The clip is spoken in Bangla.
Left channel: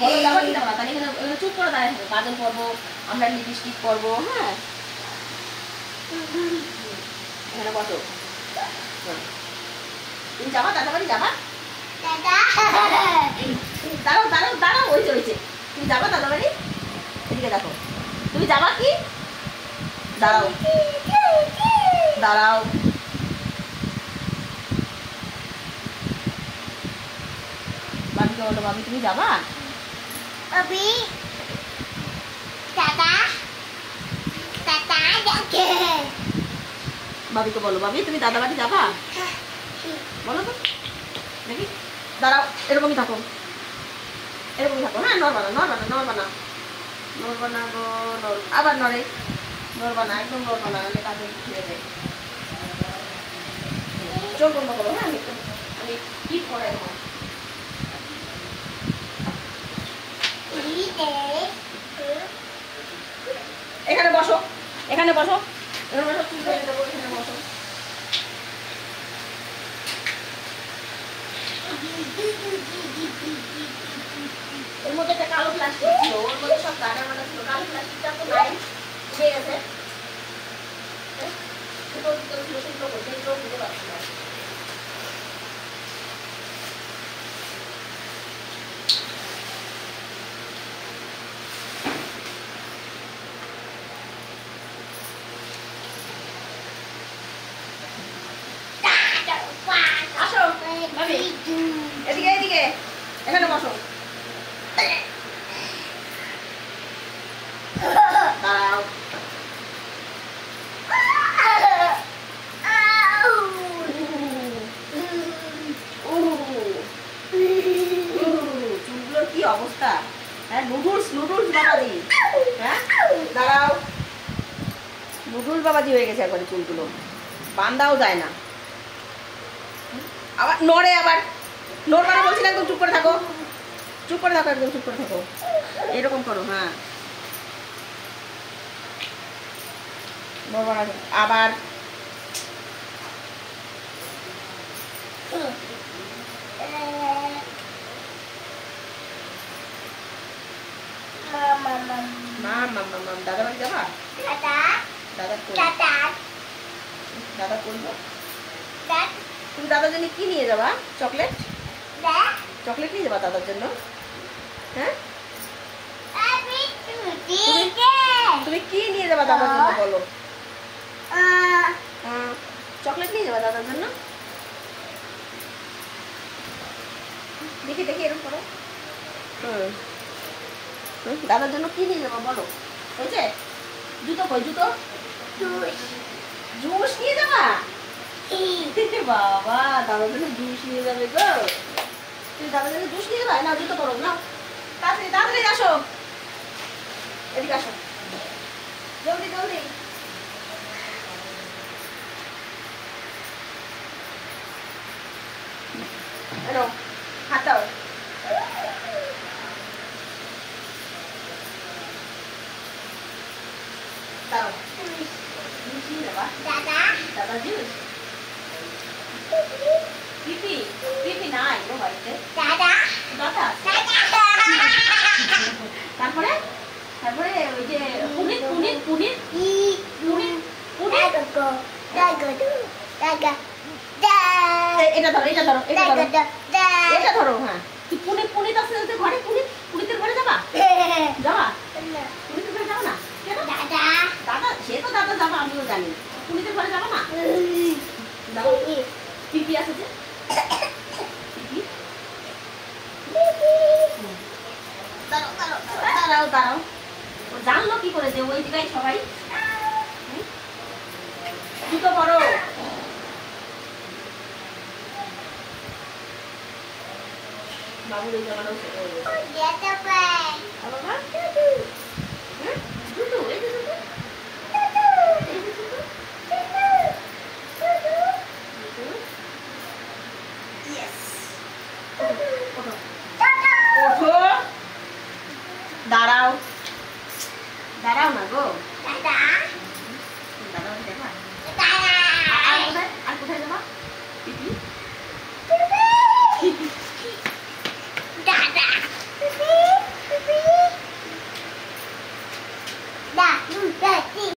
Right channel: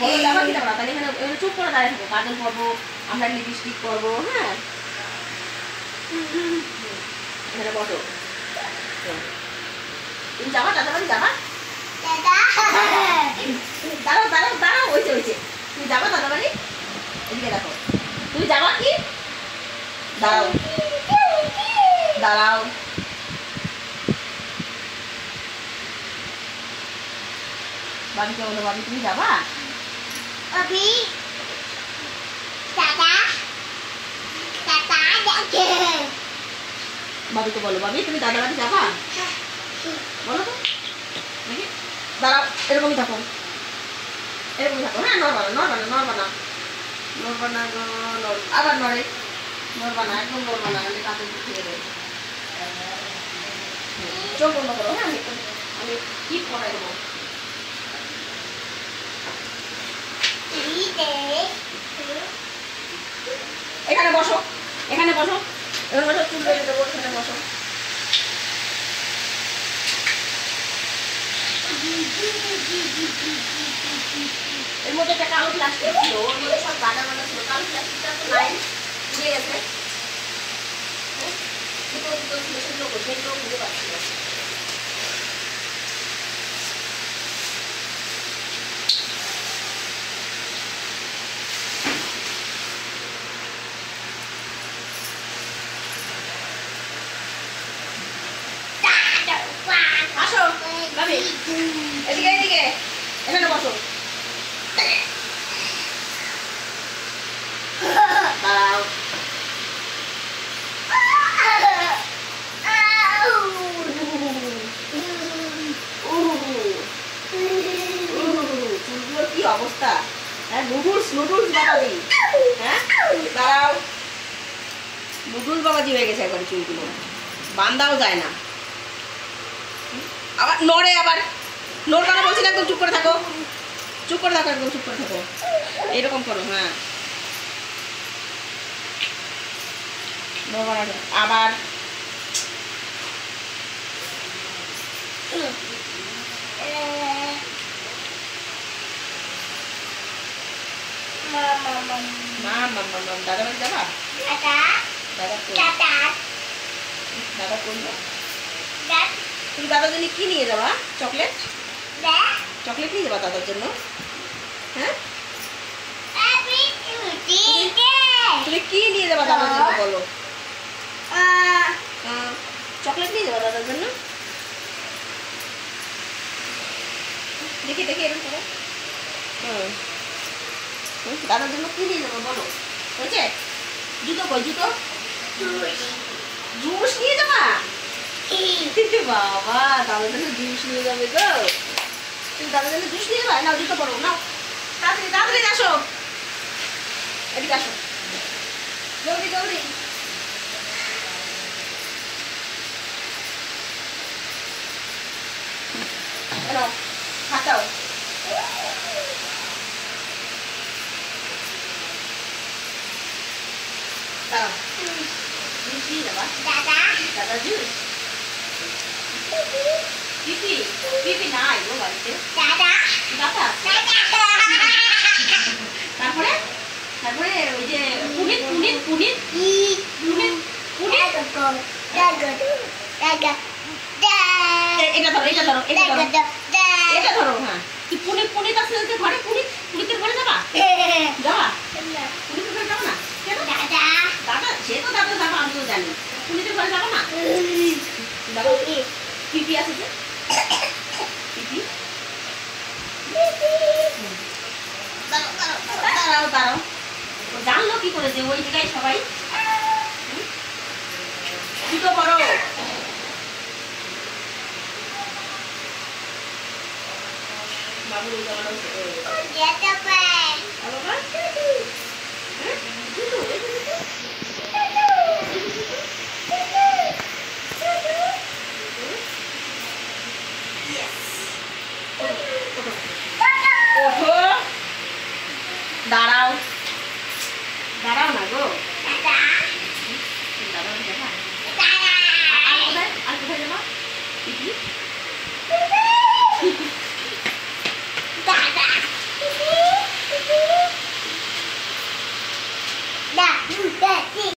বলো যাবা কি যাবা না? তাহলে এখানে চুপ করে দাঁড়িয়ে থাকো। কাজল পরবো, আমরা লিপস্টিক পরবো। হ্যাঁ, এখানে বসো। তুমি যাবা দাদা বাড়ি যাবা? দাঁড়াও দাঁড়াও দাঁড়াও, ওইছে ওইছে। তুমি যাবা দাদা বাড়ি? এদিকে দেখো, তুমি যাবা কি? দাঁড়াও দাঁড়াও, বাবিকে বলো, বাবি তুমি যাবা? Abi, Tata, Tata, বাবিকে বলো, বাবি তুমি দাদা বাড়ি যাবা? বলো তো নাকি? দাঁড়াও, এরকমই থাকো, এরকমই থাকো। হ্যাঁ, নড়বা না নড়বা না নড়বা না নড়বা না গো, আবার নড়ে। নড়বা না, একদম নড়বা না, নাহলে কাজে খেয়ে দেয়। চোখ বন্ধ করো। হ্যাঁ, আমি কি করাই দেবো। এখানে বসো, এখানে বসো, এখানে বসো, চুল বেঁধে দেবো, এখানে বসো। এর মধ্যে একটা কালো প্লাস্টিক ছিল, ওর মধ্যে সব গাডার মানা ছিল। কালো প্লাস্টিকটা তো নাই, উড়ে গেছে। সেগুলো বুঝতে পারছি না। আসো ভাবি, এদিকে এদিকে, এখানে বসো। দাঁড়াও, চুলগুলোর কি অবস্থা! হ্যাঁ, নুডলস নুডলস বাবাজি। হ্যাঁ, দাঁড়াও, নুডলস বাবাজি হয়ে গেছে একবারে চুলগুলো, বান্ধাও যায় না। আবার নড়ে, আবার নড়বা না বলছি না, একদম চুপ করে থাকো, চুপ করে থাকো, একদম চুপ করে থাকো। এরকম করো। হ্যাঁ, নড়বা না আবার। দাদা বাড়ি যাবা? দাদা দাদা করবো। তুমি দাদার জন্য কি নিয়ে যাবা? চকলেট? চকলেট নিয়ে যাবা দাদার জন্য? হ্যাঁ, তুমি কি নিয়ে যাবা দাদার জন্য বলো? চকলেট নিয়ে যাবা দাদার জন্য? দেখি দেখি, এরকম করো। দাদার জন্য কি নিয়ে যাবো বলো? হয়েছে? জুতো কই, জুতো? জুস নিয়ে যাবা? বাবা, দাদার জন্য জুস নিয়ে যাবে গো। তুমি দাদার জন্য জুস নিয়ে যাবা? না, জুতো পরো না, তাড়াতাড়ি তাড়াতাড়ি আসো, এদিকে আসো, জলদি জলদি। এনো, হাত দাও। দাও, জুস নিয়ে যাবা? দাদা জুস। পিপি পিপি নাই গো বাড়িতে। দাদা তারপরে তারপরে ওই যে পুনিত পুনিত পুনিত পুনিত পুনিত। এটা ধরো, এটা ধরো, এটা ধরো, এটা ধরো। হ্যাঁ, তুই পুনিত পুনিত আছে ঘরে, পুনিত পুনিতের ঘরে যাবা? যাবা? পুনিতের ঘরে যাবো না কেন? দাদা, সে তো দাদা যাবো, আমিও জানি। পুনিতের ঘরে যাবো না? পিপি আছে যে, পিপি। দাঁড়াও দাঁড়াও দাঁড়াও দাঁড়াও, জানলো কি করে যে ওই জায়গায় সবাই? জুতো পরো। বাবুর এই জায়গাটা দাঁড়াও দাঁড়াও না গো। আর কোথায় যাবো? যাচ্ছি